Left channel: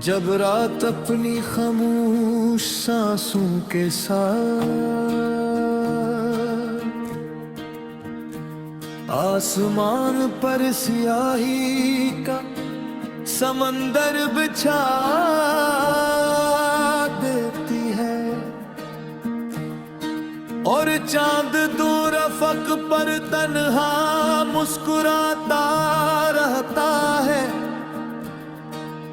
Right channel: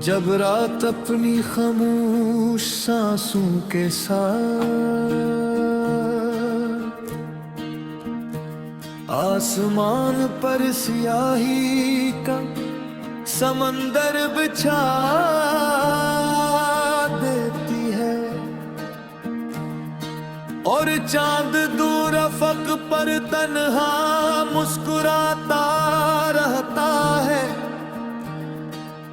जब रात अपनी खामोश सांसों के साथ आसमान पर स्याही का समंदर बिछा देती है और चांद दूर अफक पर तन्हा मुस्कुराता रहता है,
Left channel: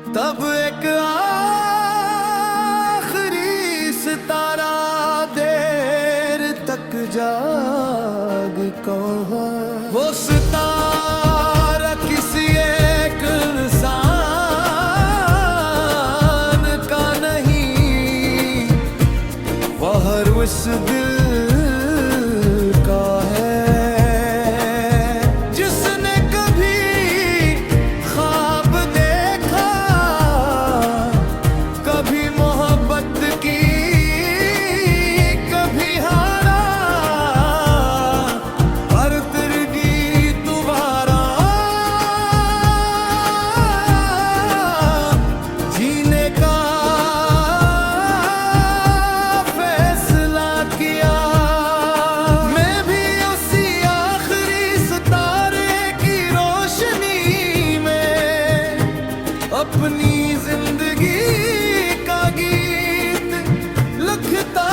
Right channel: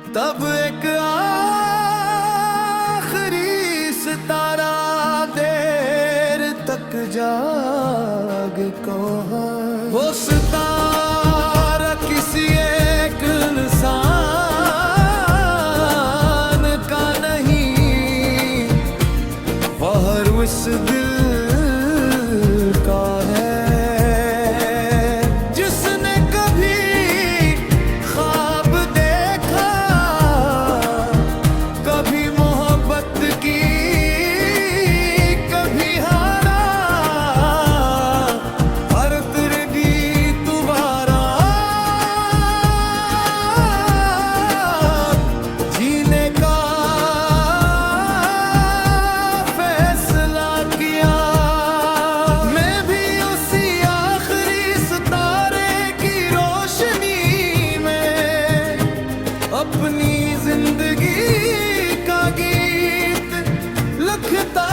तब एक आखिरी सितारा देर तक जाग कौन वो सितारा किसी एक इंसान का नहीं, वह उस दिल का है अपनी जिंदगी का गीत लिखता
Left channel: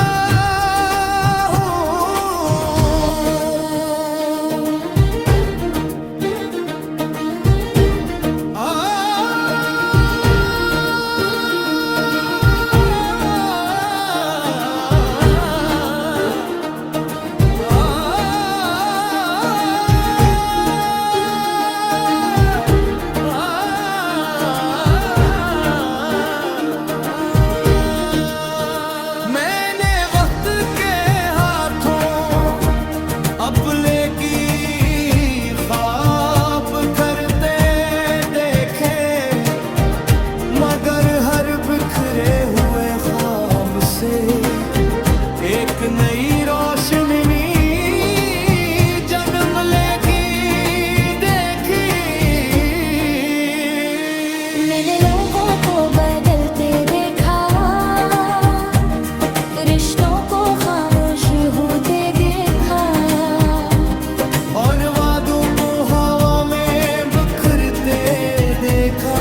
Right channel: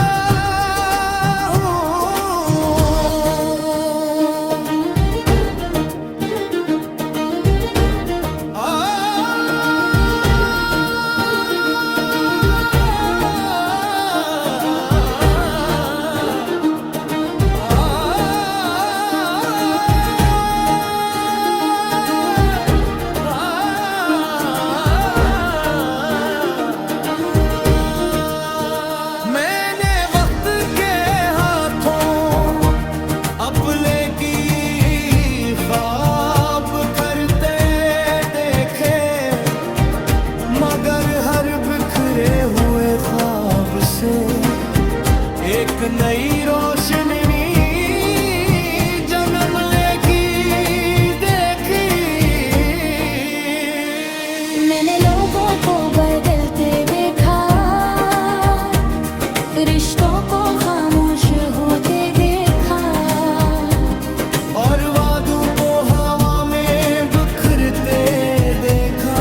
अपने की ख्वाब करते देखे, मगर हर बिखरे हुए ख्वाब से एक नई रोशनी जन्म लेगी देखी। मैंने लोगों को बदलते देखा, रिश्तों को खामोश होते देखा, और वादों को हवा में बिखरते देखा।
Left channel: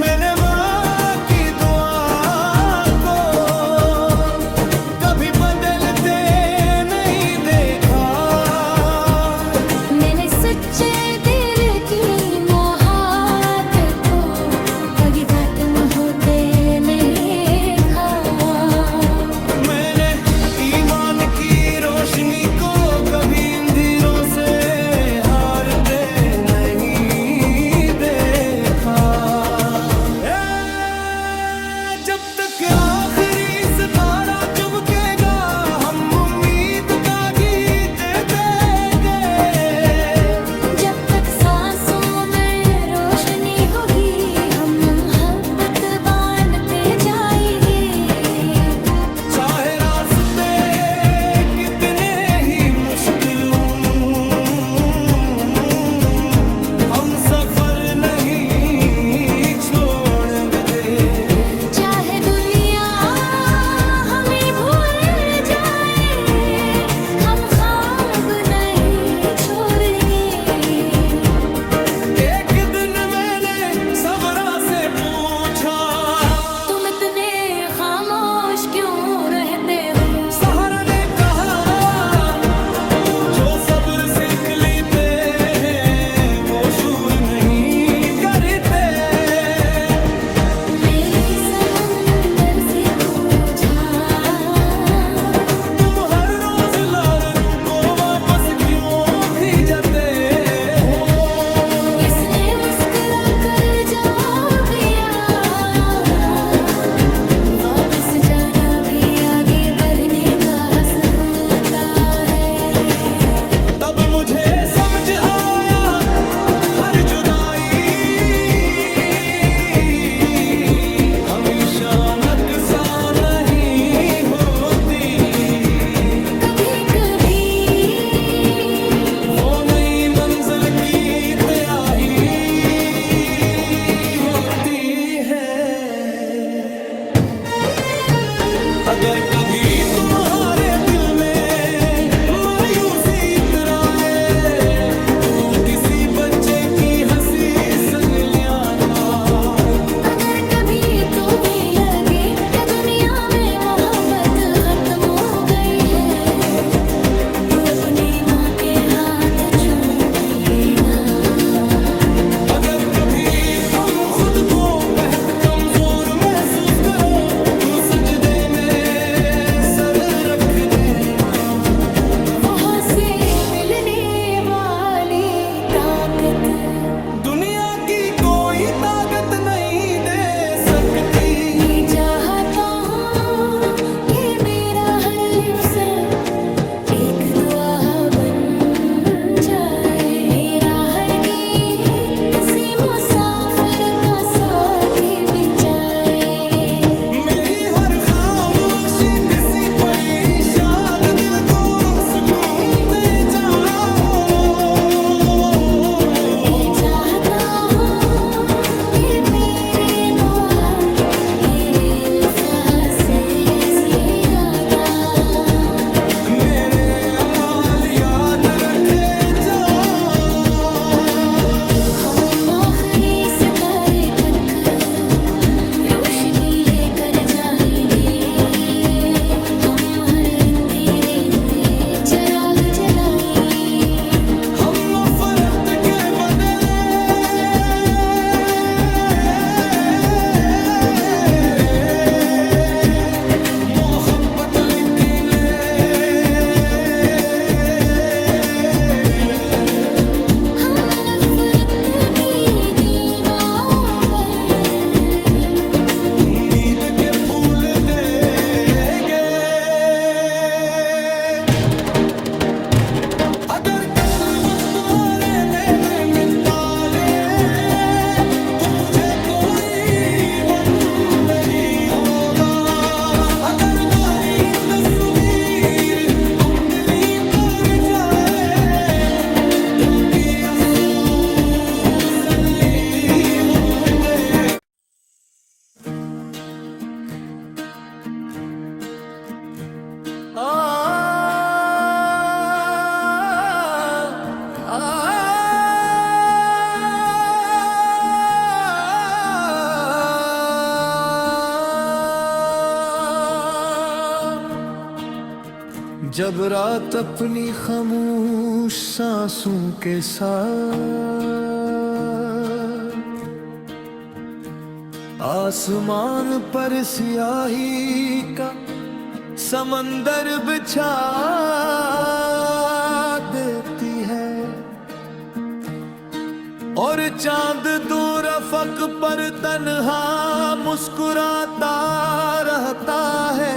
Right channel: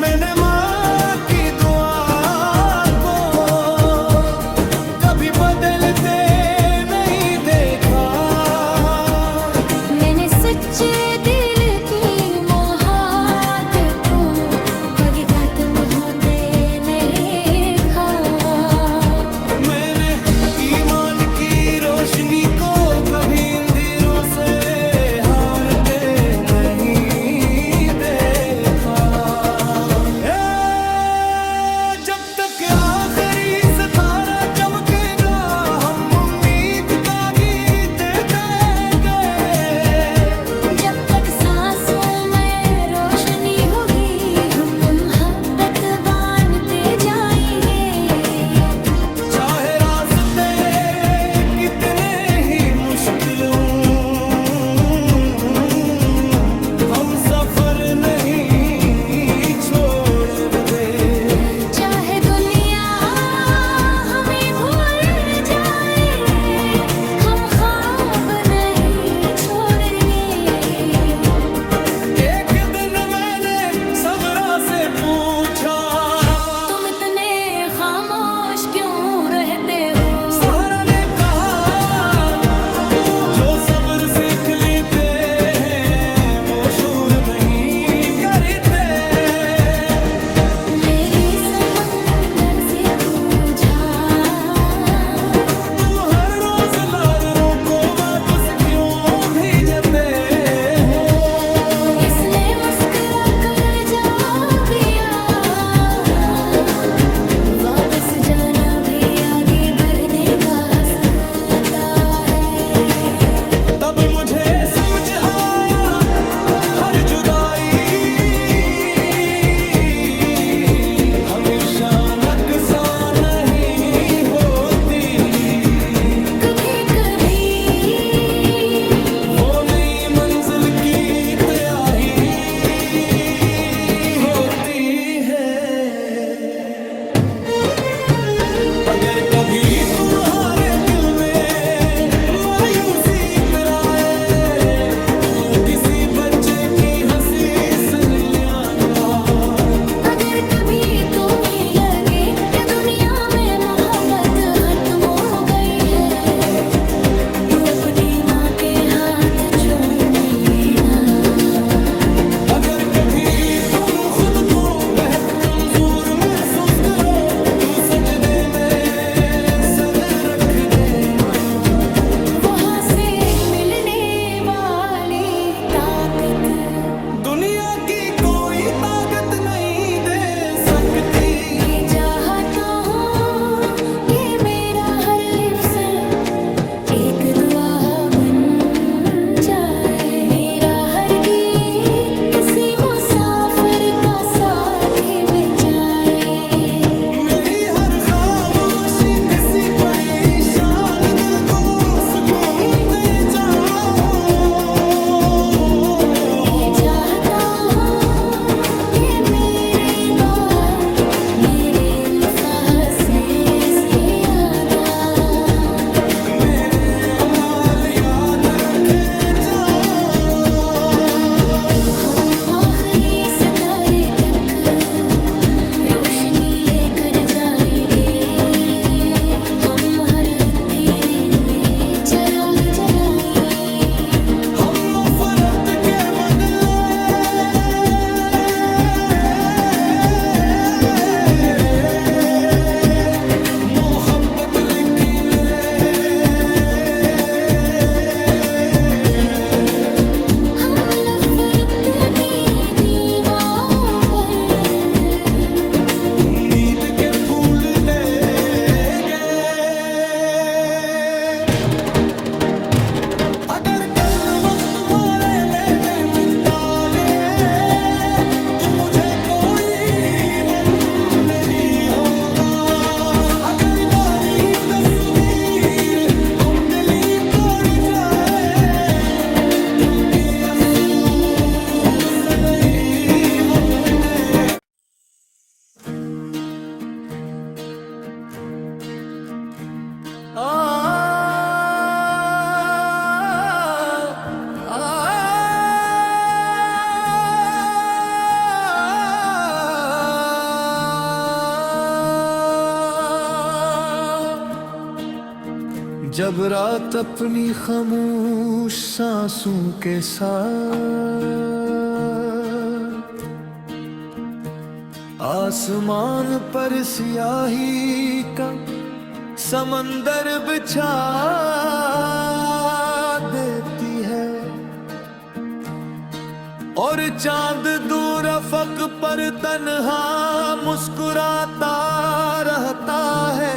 मैंने माँ की दुआ को कभी बदलते नहीं देखा। मैंने सच्चे दिल की खत्म होते नहीं देखा। मैंने ईमान की रोशनी को कभी अंधेरों से हारते नहीं देखा। जब तक आखिरी सितारा चमकेगा हम उम्मीद का गीत देते गए। जब तक सांसों में रोशनी होगी हम बांधते जाएंगे। चाहे रास्ते कितने ही मुश्किल हम सफर नहीं छोड़ेंगे। चाहे दुनिया हमें भूल जाए हम ख्वाब नहीं छोड़ेंगे। एक दिन मैंने सबरा से पूछा, तुम इतने खामोश क्यों रहते हो? सहारा ने कहा, जो सब्र सीख लेते हैं वो शूर नहीं करते। मैंने समंदर से पूछा, तुम हर रोज लारों को वापस क्यों भेजते हो? इसने मुस्कुरा कर जवाब दिया, वापस जाना भी आगे बढ़ने का हमेशा नक्शा नहीं होती। कभी कभी वो नई मंजिल की तैयारी होती है। अगर कभी तुम्हारे दिल में मायूसी इतराए, तो किसी बच्चे की हंसी सुन लियाना। अगर कभी तुम्हें लगे कि दुनिया में मोहब्बत खत्म हो गई है, तो अपनी माँ के हाथ चूमना। अगर कभी तुम खुद को बेहद कमजोर महसूस करो, तू सजदे में सर रख देना। वहाँ से मिलने वाली ताकत दुनिया की कोई ताकत नहीं दे सकती। मैं चाहता हूँ कि मेरा हर लिफ्स एक दुआ बन जाए। मेरा हर गीत किसी मुसाफिर का साथी बन जाए। मेरी हर खामोशी किसी परेशान दिल को सुकून दे जाओ। मैं चाहता हूँ कि मेरे बात मेरे अल्फाज से ज्यादा मेरे अमाल याद रखे जाओ। हम आखिरी सितारे तक रोशनी लेकर जाएंगे। हम हर अंधेरे में चिराग जलाएंगे। हम नफरत के बदले मोहब्बत लिखेंगे। हम नफरत की दीवारों पर उम्मीद के फूल देंगे। अगर कल वक्त तुम्हारे नैने मिटा दे, तो मुझे कोई गम नहीं होगा। अगर नारी तस्वीर तुम दिली कर जाए, तुम भी अफसोस नहीं होते। जब रात अपनी खामोश सांसों के साथ आसमान पर सियाही का समंदर बिछा देती है, और चांद दूर अफक पर तन्हा मुस्कुराता रहता है,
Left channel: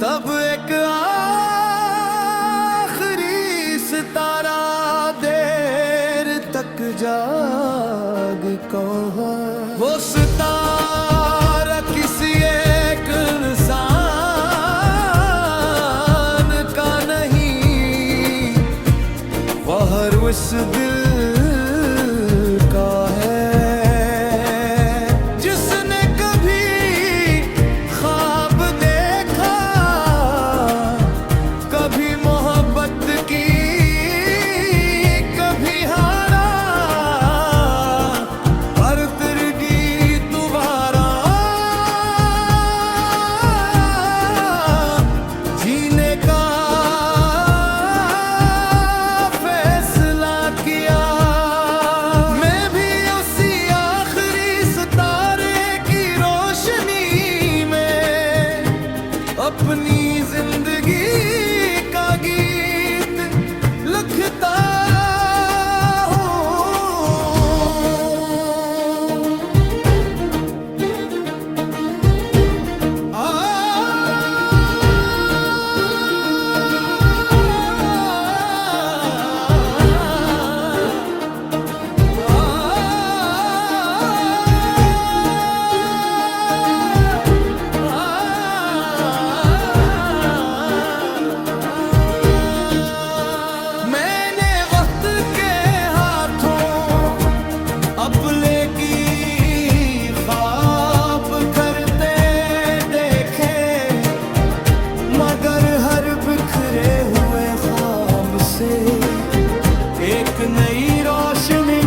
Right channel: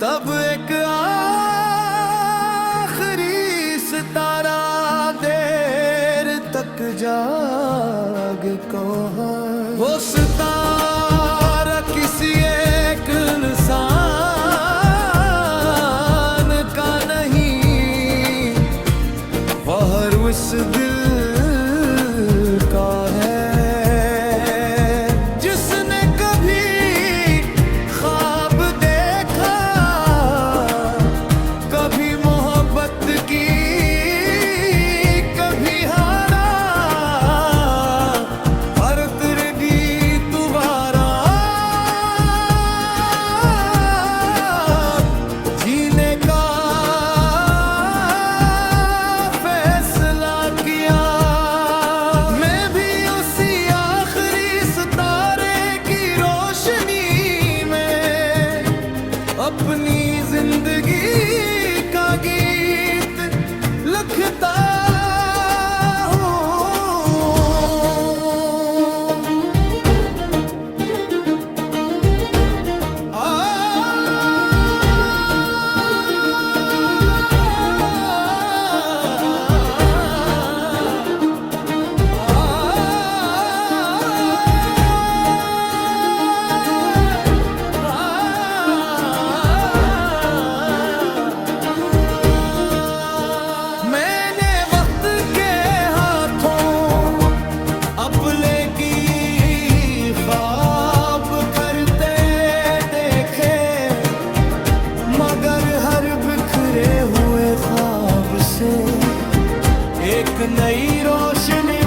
तब एक आखिरी सितारा देर तक जाग कौन। वो सितारा किसी एक इंसान का नहीं, वह उस दिल का है जिसने कभी ख्वाब देखा, कभी मोहब्बत की, कभी हारा, पर तेरे गीत दोबारा जीने का फैसला किया। मैं भी उसी आखिरी सितारे की रोशनी में अपनी जिंदगी का गीत लिखता हूँ। से एक नई रोशनी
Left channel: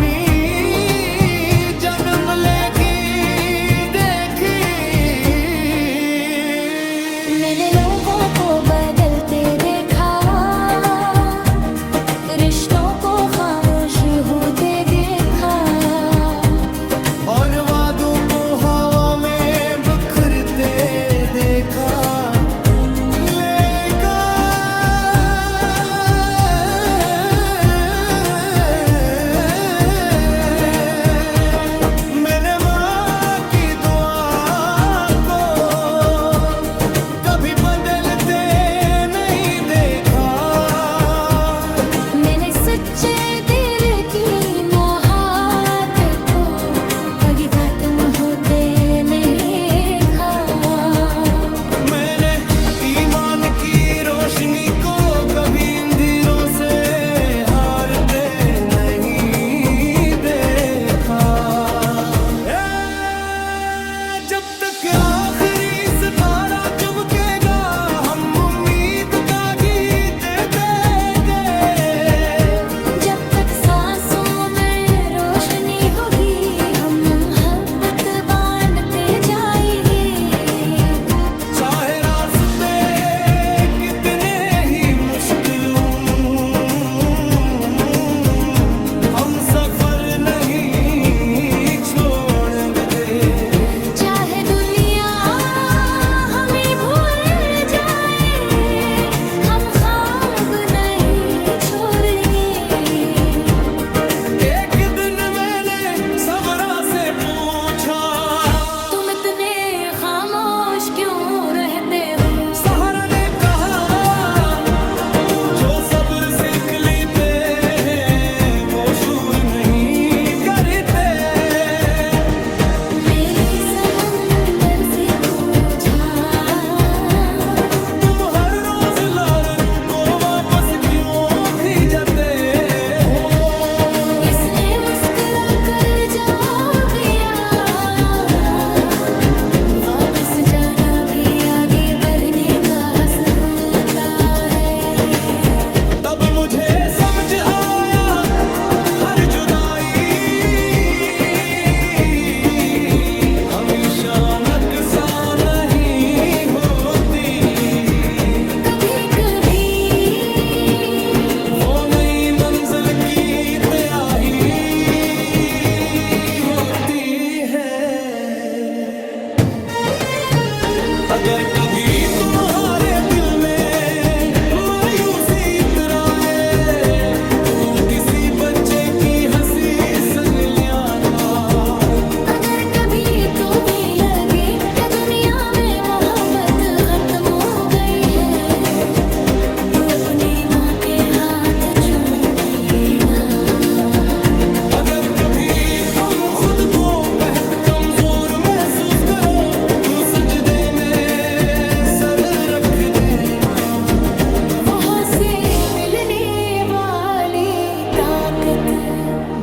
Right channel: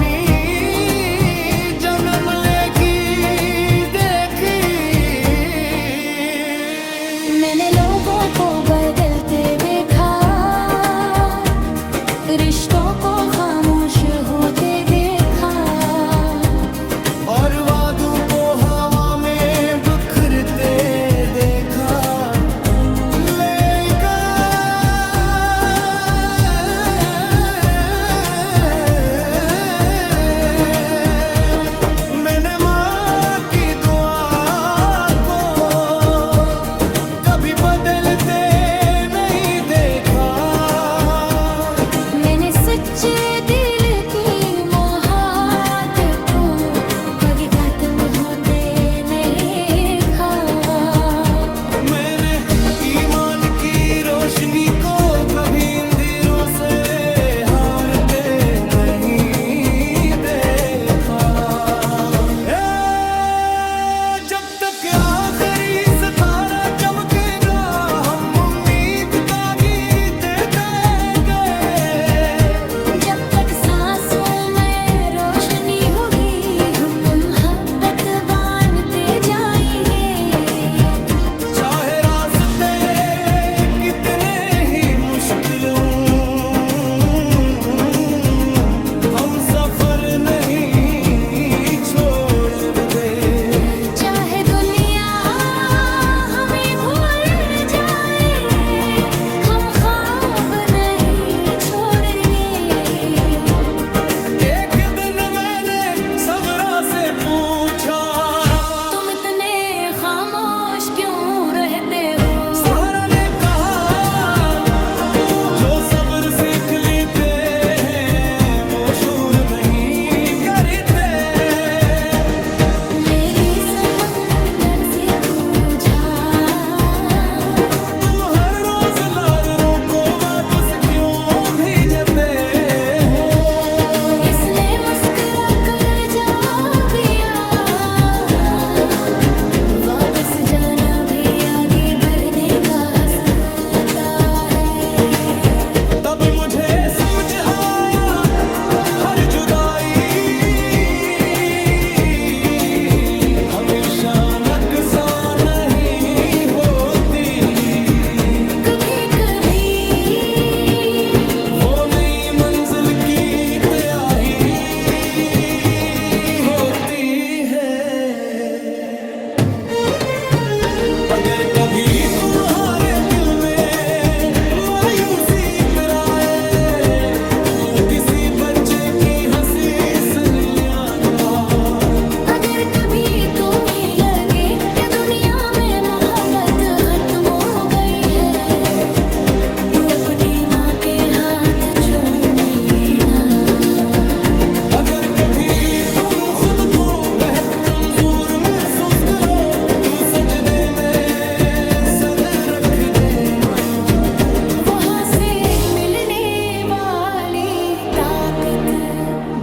जन्म लेगी देखी। मैंने लोगों को बदलते देखा, रिश्तों को खामोश होते देखा, और वादों को हवा में बिखरते देखा। मैंने माँ की दुआ को कभी बदलते नहीं देखा। मैंने सच्चे दिल की मोहब्बत को कभी खत्म होते नहीं देखा। मैंने ईमान की रोशनी को कभी अंधेरों से हारते नहीं देखा। जब तक आखिरी सितारा चमकेगा हम उम्मीद का गीत देंगे। जब तक सांसों में रोशनी होगी हम मोहब्बत बांधते जाएंगे। चाहे रास्ते कितने ही मुश्किल हों, हम सफर नहीं छोड़ेंगे। चाहे दुनिया हमें भूल जाए हम ख्वाब नहीं छोड़ेंगे। एक दिन मैंने सबरा से पूछा, तुम इतने खामोश क्यों रहते हो? सहारा ने कहा, जो सब्र सीख लेते हैं वो शूर नहीं करते। मैंने समंदर से पूछा, तुम हर रोज लारों को वापस क्यों भेजते हो? इसने मुस्कुरा कर जवाब दिया, वापस जाना भी आगे बढ़ने का हस होता है। तब मुझे समझ आया हर जुदाई हमेशा नक्सा नहीं होती। कभी कभी वो नई मंजिल की तैयारी होती है। अगर कभी तुम्हारे दिल में मायूसी इतराए, तू किसी बच्चे की हंसी सुन लियाना। अगर कभी तुम्हें लगे कि दुनिया में मोहब्बत खत्म हो गई है, तो अपनी माँ के हाथ चूम लेना। अगर कभी तुम खुद को बेहद कमजोर महसूस करो, तू सजदे में सर रख देना। वहाँ से मिलने वाली ताकत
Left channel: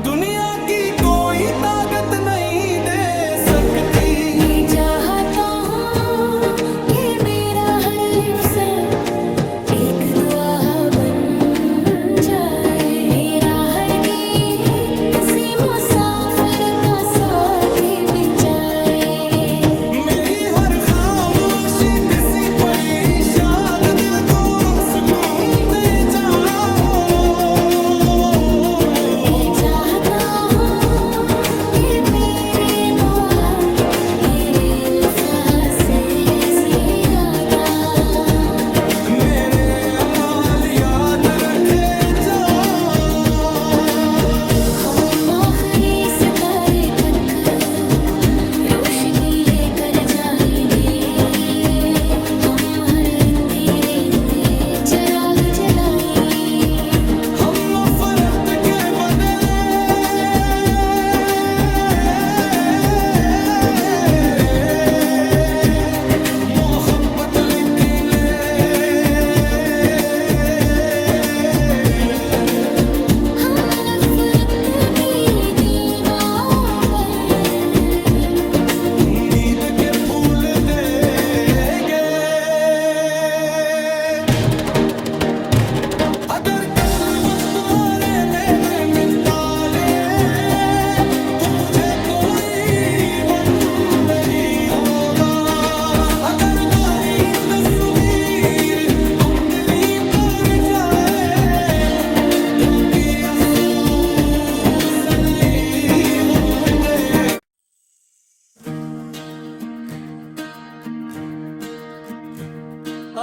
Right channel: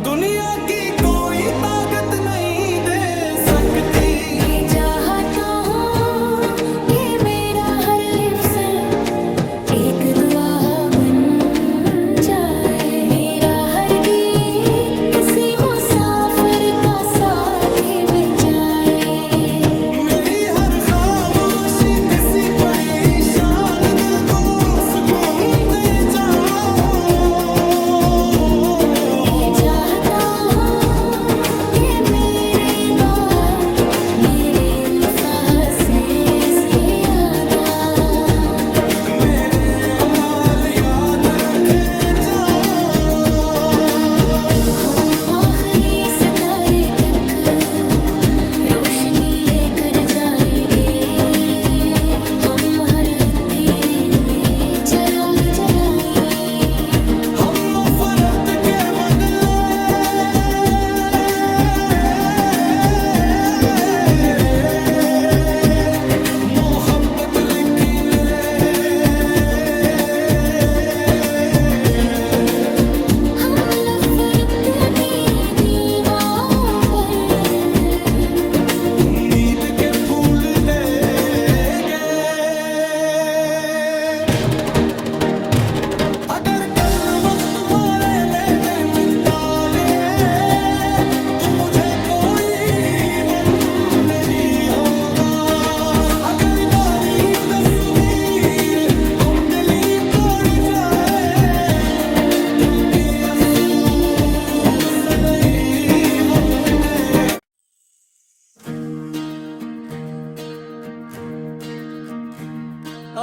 दुनिया की कोई ताकत नहीं दे सकती। मैं चाहता हूँ कि मेरा हर लिफ्ज़ एक दुआ बन जाए। मेरा हर गीत किसी मुसाफिर का साथी बन जाए। मेरी हर खामोशी किसी परेशान दिल को सुकून दे जाओ। मैं चाहता हूँ कि मेरे बाद मेरे अल्फाज़ से ज़्यादा मेरे अमाल याद रखे जाओ। हम आखिरी सितारे तक रोशनी लेकर जाएंगे। हम हर अंधेरे में चिराग जलाएंगे। हम नफरत के बदले मोहब्बत लेके ले। हम नफरत की दीवारों पर उम्मीद के फूल ते आ,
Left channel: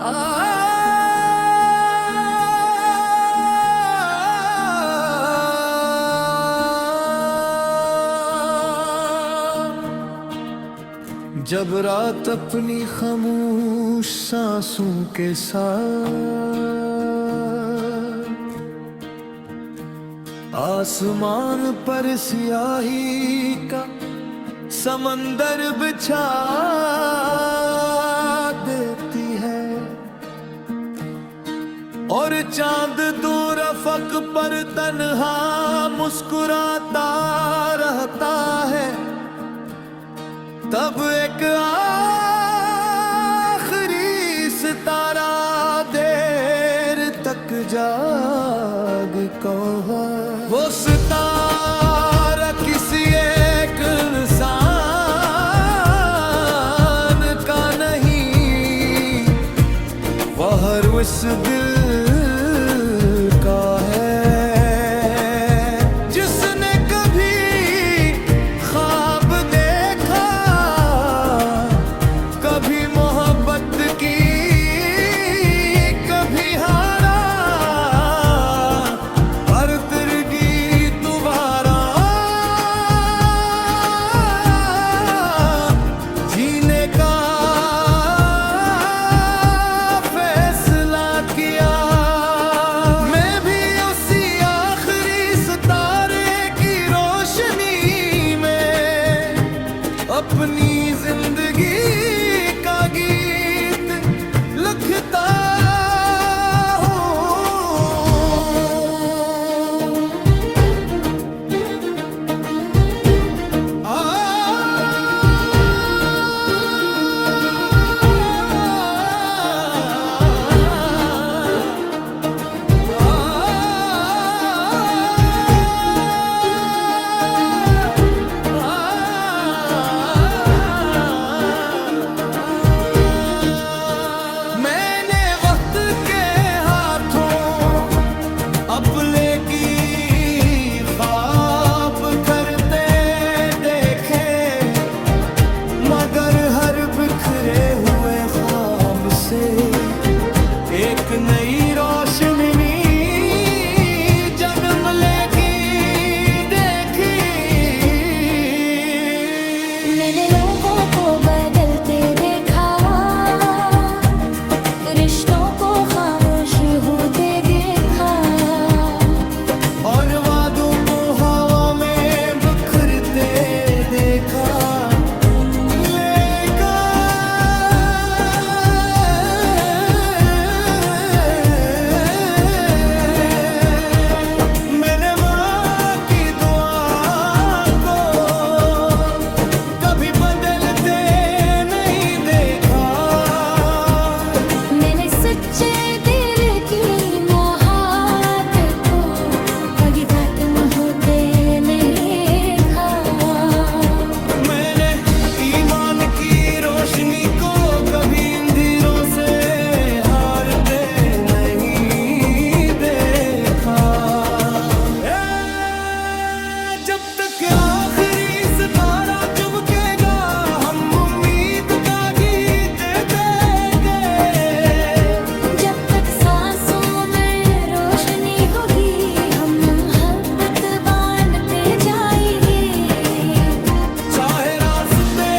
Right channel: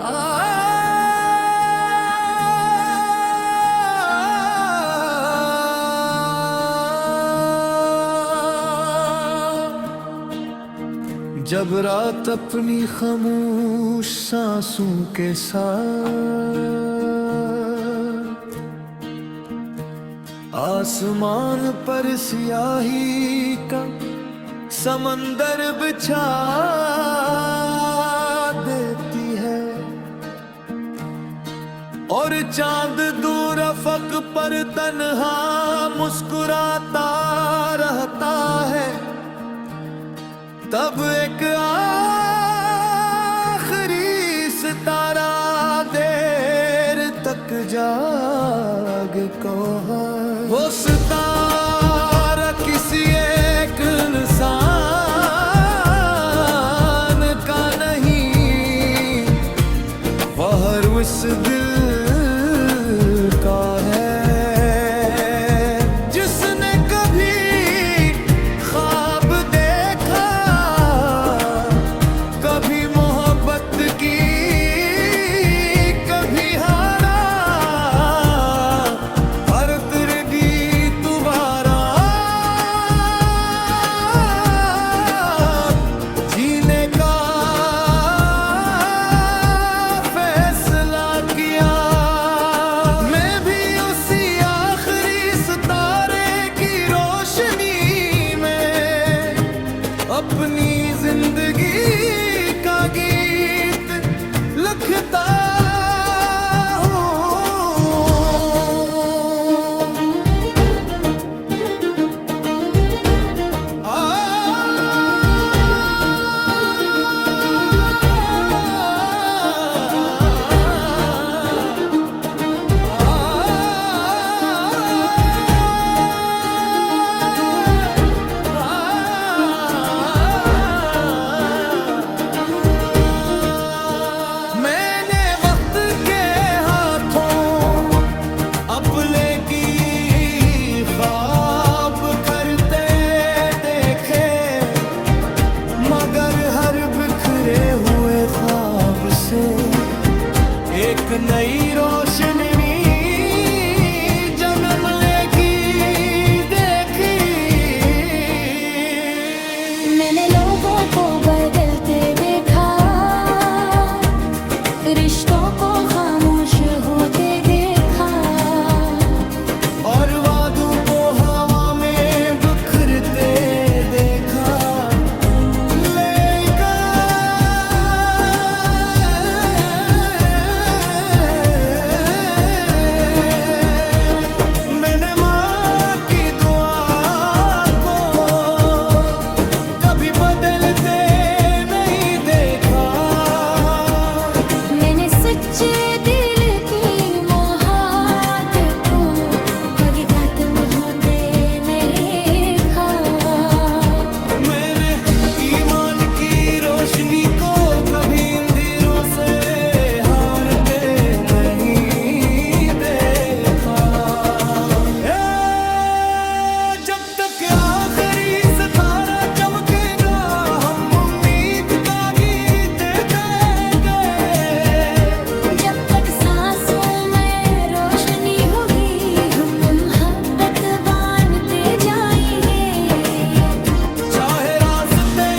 आ, जब रात अपनी खामोश सांसों के साथ आसमान पर स्याही का समंदर बिछा देती है और चांद दूर अफक पर तन्हा मुस्कुराता रहता है, तब एक आखिरी सितारा देर तक जाग कौन वो सितारा किसी एक इंसान का नहीं, वह हर उस दिल का है जिसने कभी ख्वाब देखा, कभी मोहब्बत की, कभी हारा, पर तिरगी दोबारा जीने का फैसला किया। मैं भी उसी आखिरी सितारे की रोशनी में अपनी जिंदगी का गीत लिखता हूँ। मैंने वक्त के हाथों अपने की ख्वाब करते देखे, मगर हर बिखरे हुए ख्वाब से एक नई रोशनी जन्म लेगी देखी। मैंने लोगों को बदलते देखा, रिश्तों को खामोश होते देखा, और वादों को हवा में बिखरते देखा। मैंने माँ की दुआ को कभी बदलते नहीं देखा। मैंने सच्चे दिल की मोहब्बत को हकीकत में होते नहीं देखा। मैंने ईमान की रोशनी को कभी अंधेरों से हारते नहीं देखा। जब तक आखिरी सितारा चमकेगा हम उम्मीद का गीत देंगे। जब तक सांसों में रोशनी होगी हम मोहब्बत बांधते जाएंगे। चाहे रास्ते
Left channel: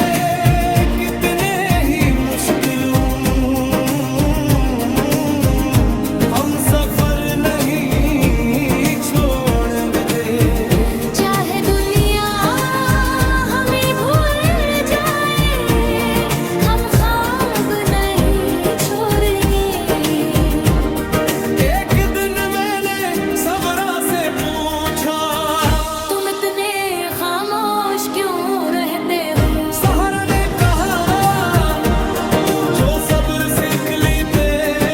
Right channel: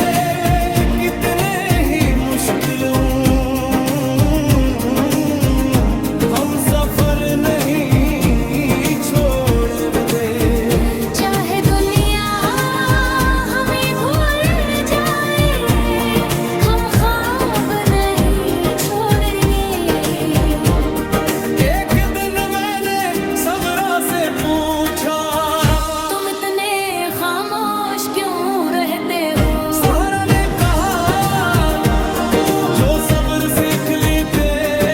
कितने ही मुश्किल हों, हम सफर नहीं छोड़ेंगे। चाहे दुनिया हमें भूल जाए हम ख्वाब नहीं छोड़ेंगे। एक दिन मैंने सबरा से पूछा, तुम इतने खामोश क्यों रहते हो? सहारा ने कहा, जो सब्र सीख लेते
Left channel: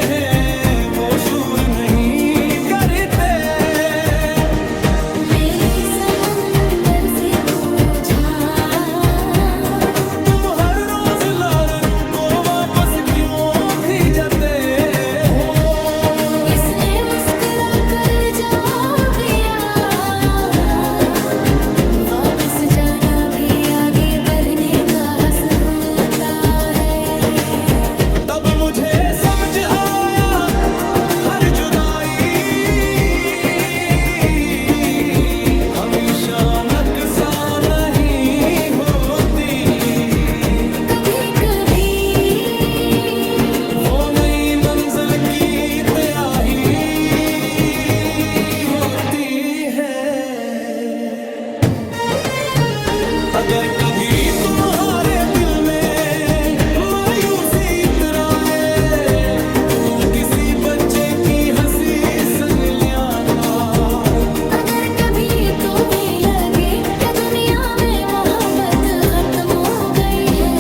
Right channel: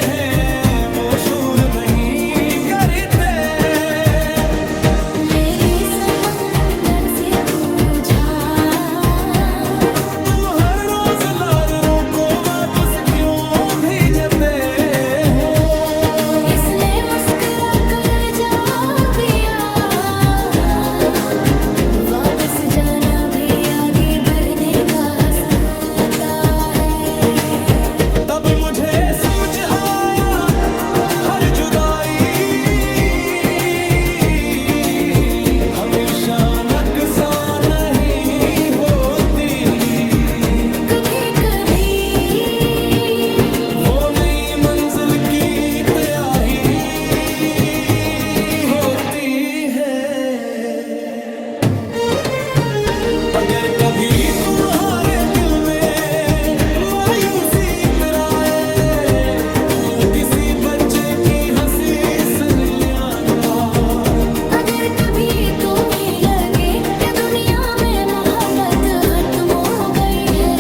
हैं वो शूर नहीं करते। मैंने समंदर से पूछा, तुम हर रोज लारों को वापस क्यों भेजते हो? इसने मुस्कुरा कर जवाब दिया, वापस जाना भी आगे बढ़ने का हमेशा नकसा नहीं होती, कभी कभी वो नई मंजिल की तयाही होती है। अगर कभी तुम्हारे दिल में मायूसी इतराए, तो किसी बच्चे की हंसी सुन लियाना। अगर कभी तुम्हें लगे कि दुनिया में मोहब्बत खत्म हो गई है,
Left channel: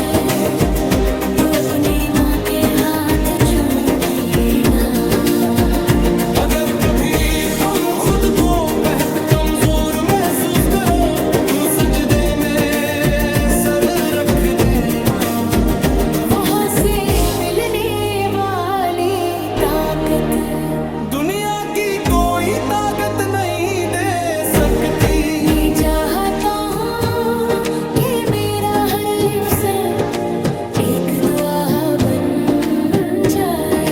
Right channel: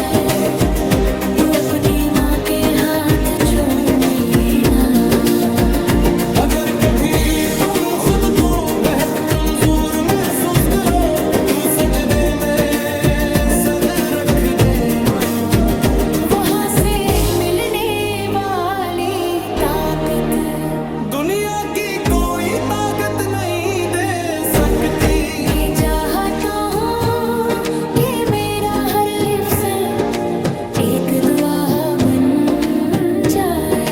तो अपनी माँ के हाथ चूमना। अगर कभी तुम खुद को बेहद कमजोर महसूस करो, तू सजदे में सर रख देना। वहाँ से मिलने वाली ताकत दुनिया की कोई ताकत नहीं दे सकती। मैं चाहता हूँ कि मेरा हर लिफ्स एक दुआ बन जाए।